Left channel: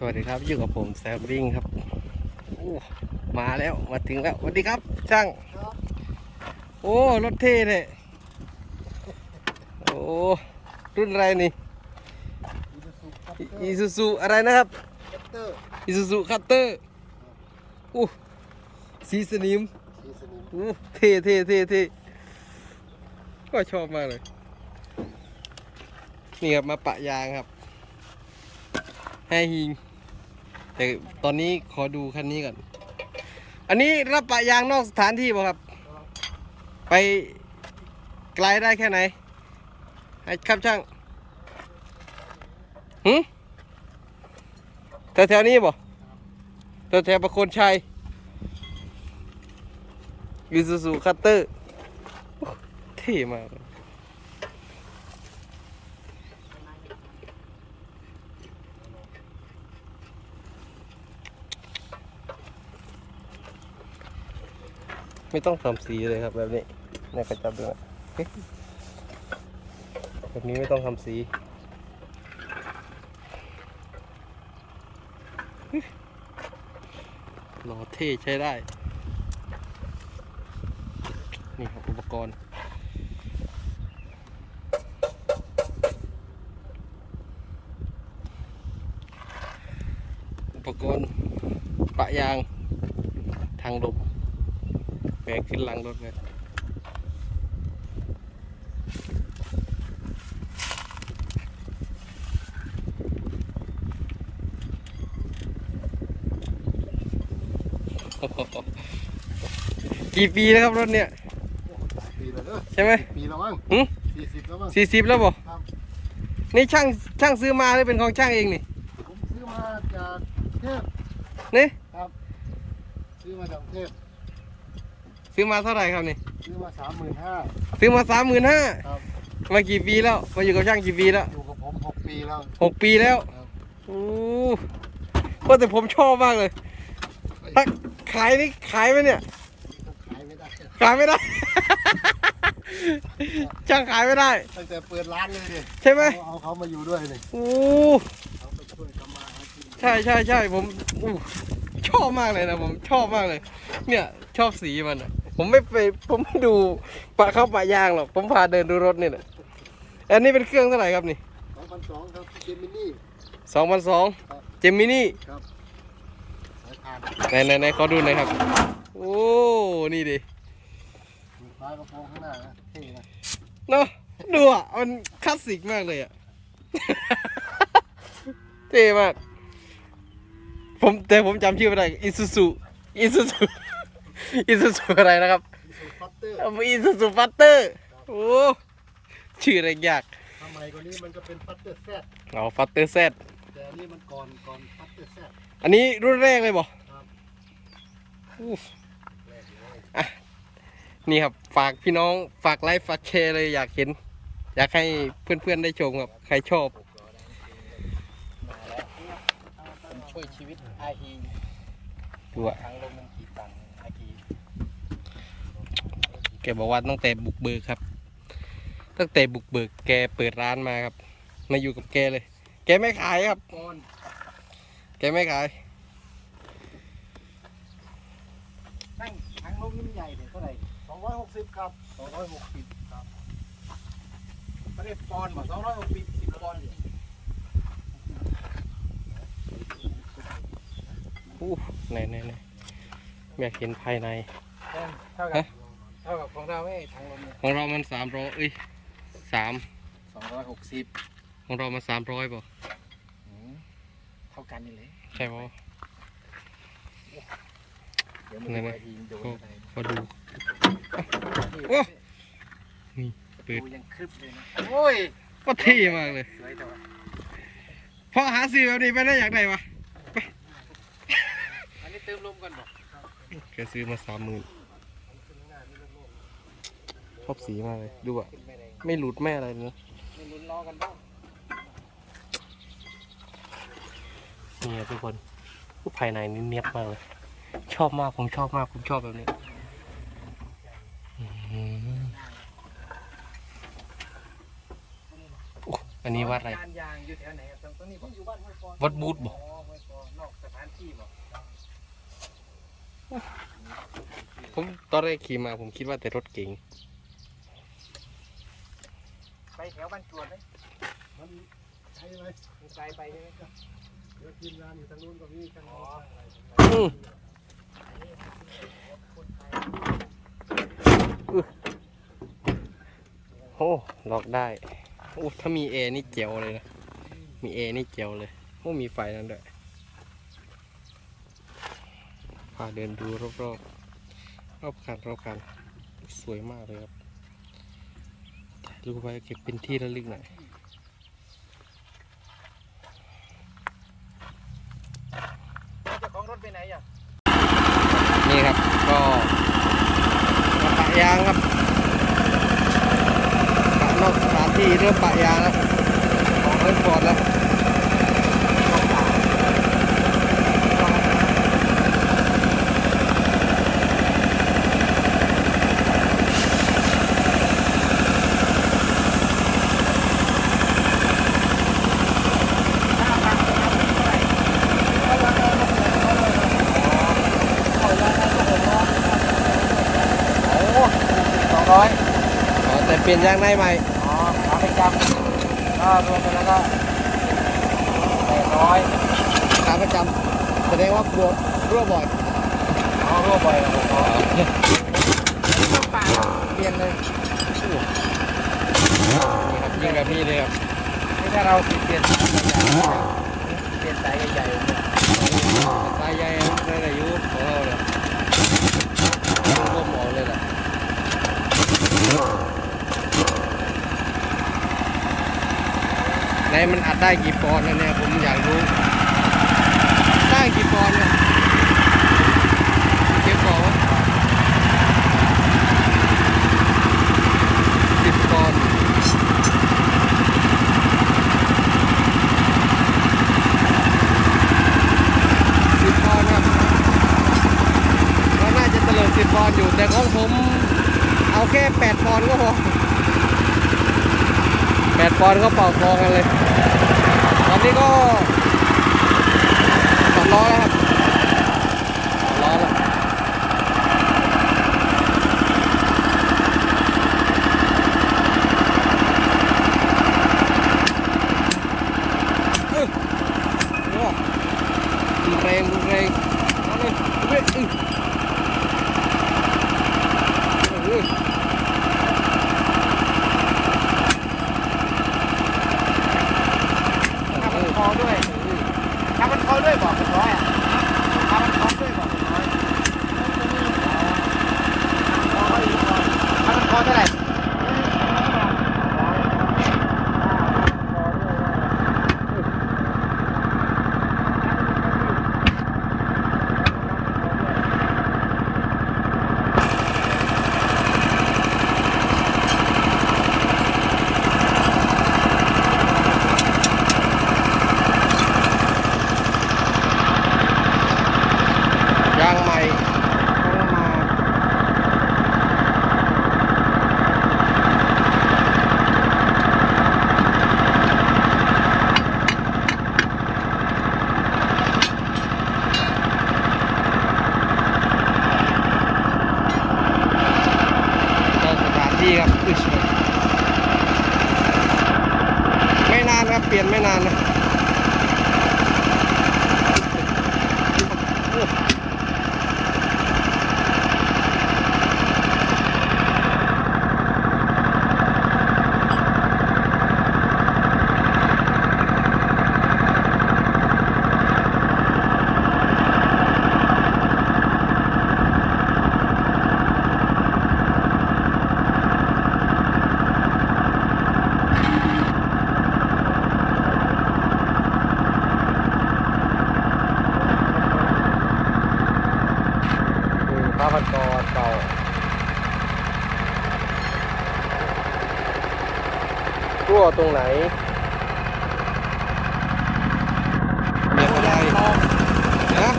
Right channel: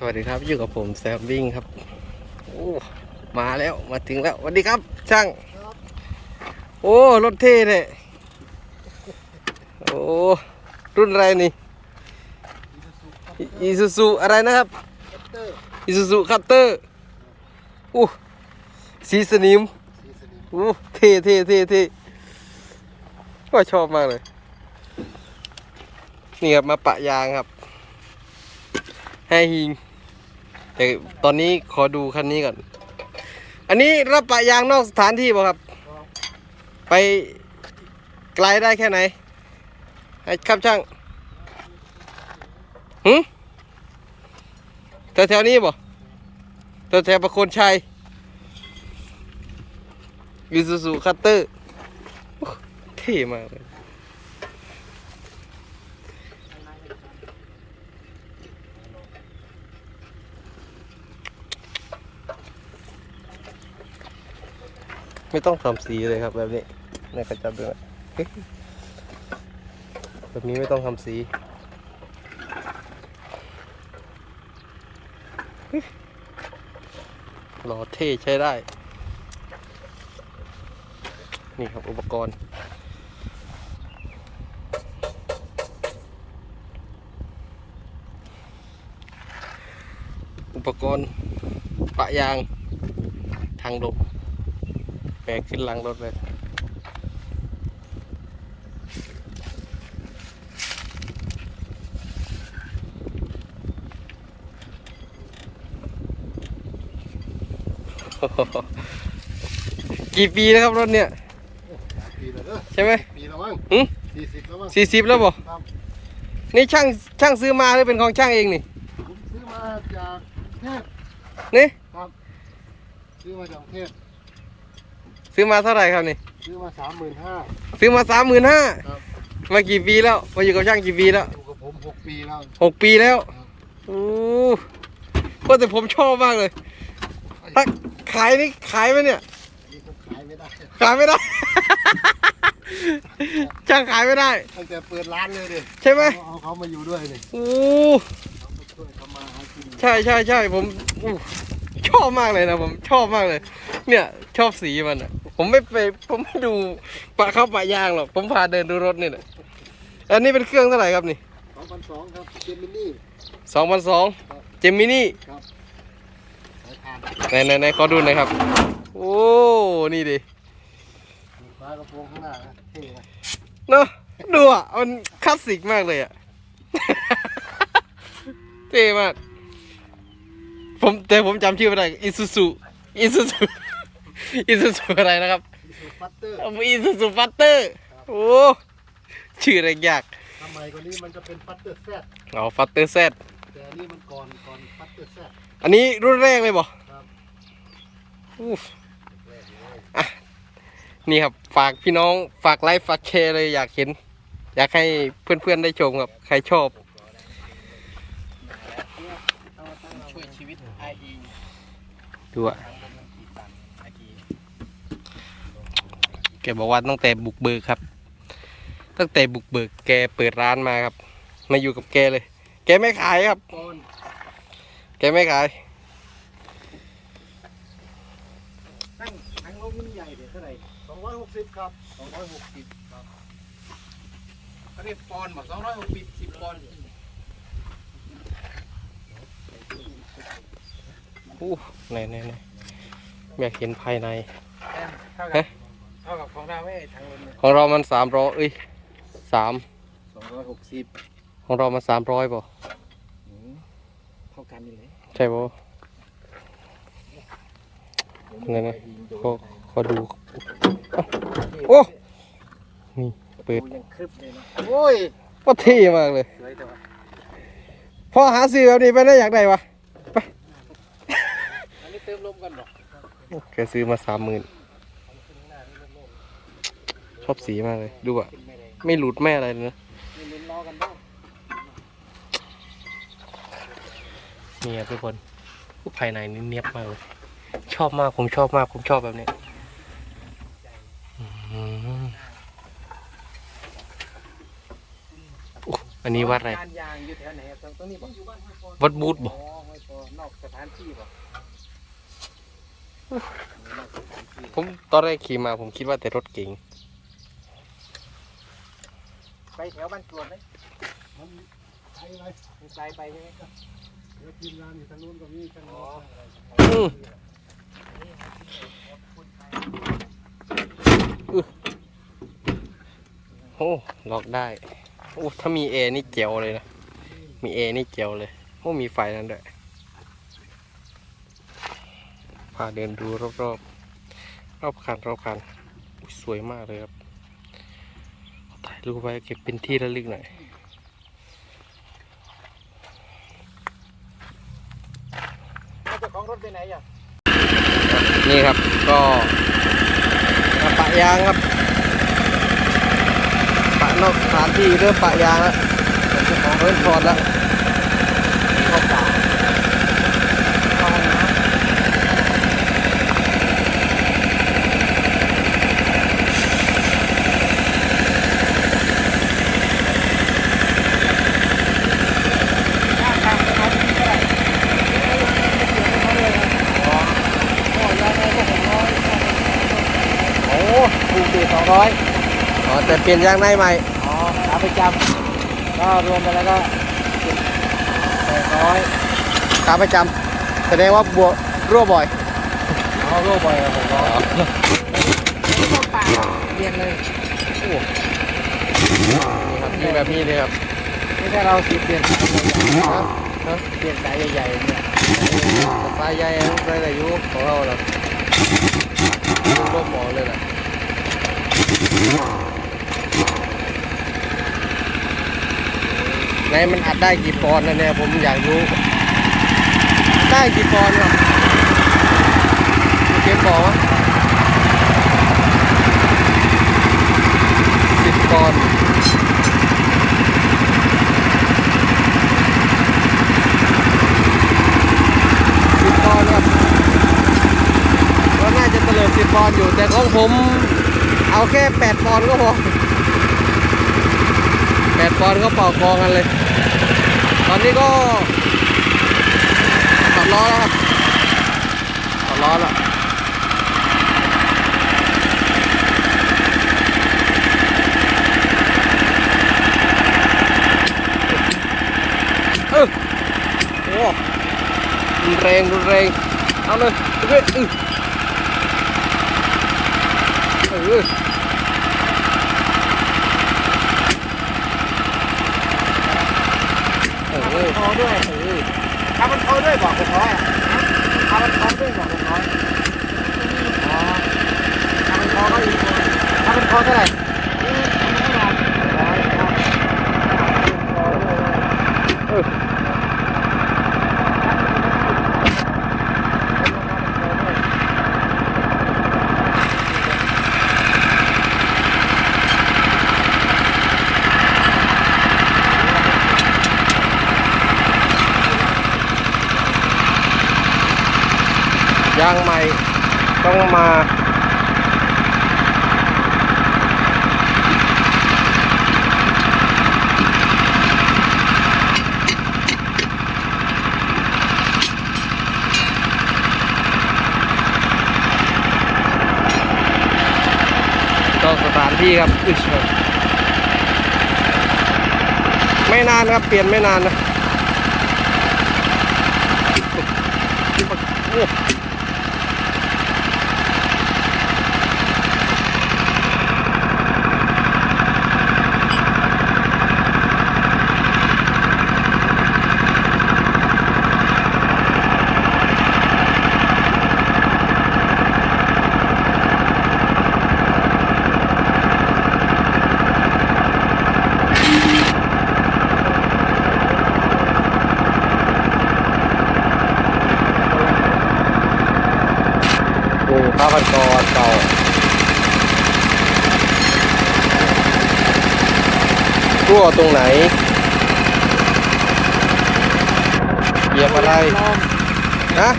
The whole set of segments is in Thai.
สวัสดีครับอยู่กับผมแซมวิ่งครับโอ้มาแล้วมาถึงแล้วสวัสดีครับ ช่าง โอ้รถเท่เนี่ยโอ้รุ่นอะไรนี่อีซูซูอะไรนะครับอีซูซูคัตเตอร์โอ้สีสนิมโอ้เท่เท่เท่เท่ก็ชอบมากเลย นี่ครับมาปะยางครับให้ฮิง แต่ตอนนี้ขอดูคันนี้ก่อน อันนี้รับปะยางนอกสถานที่ป่ะครับ ไปไกลได้แค่ไหนให้ครับช่างหืมแถวแถวๆนี้ป่ะแถวแถวประโคนชัยยูซูซูคัตเตอร์เท่มากเลย ไม่ต้องทำสีเลยครับแบบนี้นี่ขจับดูนะเฮ้ยแบบนี้ไม่ต้องทำสี หล่อเท่ใช้ได้ นี่ครับอุปกรณ์อุปกรณ์ปะยางทางลม แบกขึ้นหลังรถเลย กี่ปีแล้วครับรถเนี่ย ปีแล้วเด้อใช่ไหมปีแล้วมั้งหึสี่สิบแล้วมั้งสี่สิบแล้วบ่ครับนี่ช่างช่างซื้อมาหรือเป็นของช่างเองนี่ผมซื้อมาจากเทพนี่ครับ ซื้อมาจากเทพ ซื้อมาเท่าไหร่ครับนี่ ซื้อมาสามหมื่นห้า ซื้อมาสามหมื่นห้าครับ มากี่ปีแล้ว มาอยู่กับช่างกี่ปีแล้วอยู่กับผมหกปีแล้ว หกปีแล้วครับ โอ้ก็แต่ผมชอบมากเลย ถ้าขายนี่ขายไหมเนี่ย นี่ก็ขายไม่ได้ ขายไม่ได้ ช่างขายไม่ได้ ตั้งแต่เปิดร้านเลยดิใช่ไหมเอาเขามาอยู่ด้วยนี่โอ้เขาไปช่วยทำมาหากินใช่ใช่ใช่ผมอู้ชอบมากเลยนะผมชอบมากเลย เนี่ย ชอบสีมันอะ ผมไม่ไปผมไม่ดูปะเข้าปะยางหรอกผมพาเดินดูรถนี่แหละอันนี้เป็นเครื่องเท่าไหร่ครับนี่สองพันสองครับเจมินี่สองพันสองเจมินี่ครับสายพานไหนไหนไหนขอดูหน่อยครับ โอ้นี่ดิฟ้ากระโปรงข้างหน้านะเท่นะเนาะดูอะมันคลาสสิกมากเลยอะเท่มากผมแต่ผมจำชื่อไม่ได้อิซูซุอิซูซุ อิซูซุอะไรนะครับมีสูตรฟัตเตอร์อิซูซุฟัตเตอร์โอ้ชื่ออะไรยากทำไมกว่านี้มันจะเป็นฟัตเตอร์แซดเอาฟัตเตอร์แซดแต่อันนี่มันก่อนก่อนฟัตเตอร์แซดอันนี้รุ่นแรกเลยบ่ครับอู้อะนี่ครับฝากพี่น้องฝากไลฟ์ฝากแชร์เลยอยากเห็น อยากให้เพื่อนๆได้ชมครับใครชอบช่วยชีวิตไอทีดูอ่ แกบอกว่าตั้งแต่บุกเบิกครับ ตั้งแต่บุกเบิกแกเปิดร้านมาครับ มาอยู่กับแกเลย แกไม่ขายครับก่อนแกไม่ขายทั้งทั้งลูกนี่ใหญ่เลยเท่าไหร่สองร้อยหกสิบครับสองร้อยหกสิบครับเขาเรียกปอนด์เหมือนสองร้อยหกสิบสิบปอนด์อู้ไหนไหนไหนอยากเห็นภายในเท่าฮะกับ เท่ากับของเราเอ้ยทางลมของเรามันสามร้อยเอ้ยสามสองร้อยหกสิบของเรามันสามร้อยป่ะเท่ากันนี่เลยใช่ป่ะเดี๋ยวไหนมีๆไฟยิงโดนขอไปขอดูโอ้นี่เปิดยังครึบเลยนะโอ้ยก็เท่มากเลยสวยต่อพอหาซื้อแบบนี้ไปได้อยากได้วะอันนี้เติมลมกันเหรอแกซื้อมาสามหมื่น ชอบสีมากเลย ดูอะไม่หลุดไม่อะไรเลยนะนี่ครับทุกคนภายในนี่เนียบมากเลย ชอบมากผมชอบมากผมชอบแบบนี้อันนี้วัดอะไร วัดบูธบ่ผมตอนแรกขี่มาผมคิดว่าแต่รถเก๋ง แถวบ้านกรวดไหมมันใช้ไหมมีไกลไปเลยเดี๋ยวทีมงานอยู่ทางนู้นกับนี่ทางโน้นอื้ออือโอ้ล็อกได้โอ้ถ้ามีเอนี่เจียวเลยนะ มีเอนี่เจียวเลยโอ้มีไฟนั่นด้วยพาเดินดูรอบๆรอบคันรอบคันสวยมากเลยครับ รูปไว้เก็บเป็นที่ระลึกหน่อยเจ้าของรถไปไหนอะนี่ครับก็กระปะยางครับ ปะนอกสถานที่เริ่มปะยางแล้วเริ่มถอดแล้วโอ้คูสี่สองร้อยอ๋อแต่ เปลี่ยนยางในใหม่ขาประจำถ้ารวมไปแล้วก็ร้อยขาประจำแสดงว่าบวกรั่วบ่อยเอารวมไปแล้วอ๋อเปลี่ยนเลยนี่ครับยิงแบบนี้เลยครับไม่ใช่เราสิเปลี่ยนครับเปลี่ยนสายใหญ่ๆเนี่ยสไตล์ใหญ่ได้แต่ยุของเราเนาะร่มหมอกเลยล่ะ ในมันอัดได้กี่ปอนด์นะเนี่ยผมอยากรู้ ได้กี่ปอนด์ครับเก็บบอกว่าสิบปอนด์สิบปอนด์ครับก็น่าจะเตลิดสิบปอนด์อยู่แต่ของผมเอาแค่แปดปอนด์ก็พอ แปดปอนด์ก็เป่ากองกันเลย ตอนนี้ก็ถอดล้อแล้วครับถอดล้อแล้วเออโอ้รุนแรงรุนแรงเอาเลยทุกเว้ยเออเออโอ้โห คอด้วย เออ ถ้ามันคอด้วยบอกเป็นร้อยอะถ้ามันคอด้วยบอกเป็นร้อยถ้ามันคอก็อีกคอถ้ามันคอเท่าไหร่สองร้อยบาท ยางใหม่ต้องมาต้องสถานที่ครับอึชไม่นานครับ เปลี่ยนไม่นานนะโอ้ โอ้ข้าวผัดกรเก่า รั่วตรงไหนเหยียบอะไรนะ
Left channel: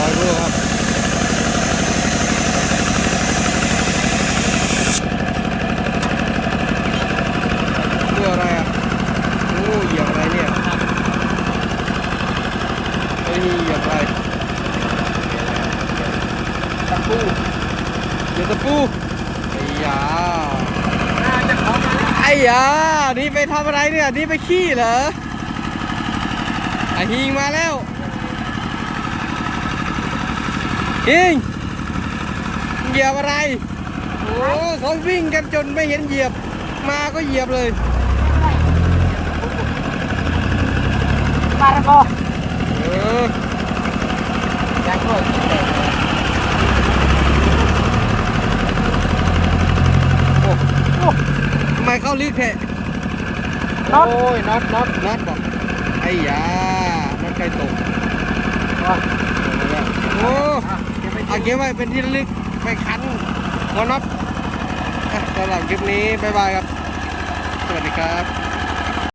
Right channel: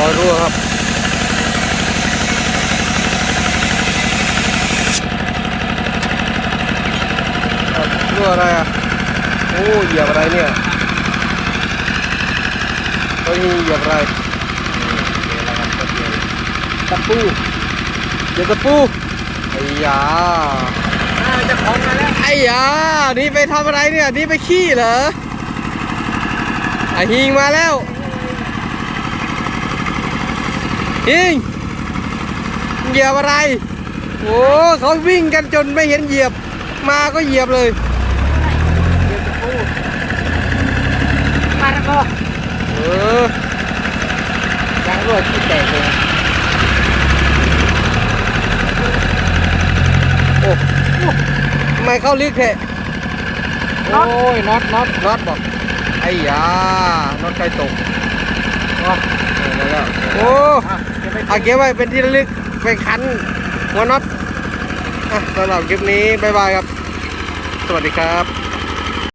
เรั่วครับ ครับรั่ว อะไรอะ โอ้เหยียบอะไรเนี่ยเฮ้ยเหยียบอะไรตะปูเหยียบตะปูไอ้ยาจะของมาแล้วไอ้ยานี่ไปทำอะไรเนี่ย นี่ไปขี้เหรอไอ้ฮิงมาแล้วฮิงเหยียบอะไร โอ้เขาวิ่งกันจนไม่เห็นเหยียบ มาก็เหยียบเลย ปลาตะกอ เออยางรั่วที่แตกเลยโอ้ทำไมเข้าลึกแค่โอ้ยน็อตน็อตน็อตบอก ไอ้ยาน็อตใครตกออกมาแล้ว โอ้อาเก็บไว้เป็นที่ระลึกไปคันหัวน็อตอะสำหรับคลิปนี้ บ๊ายบายครับ สวัสดีครับ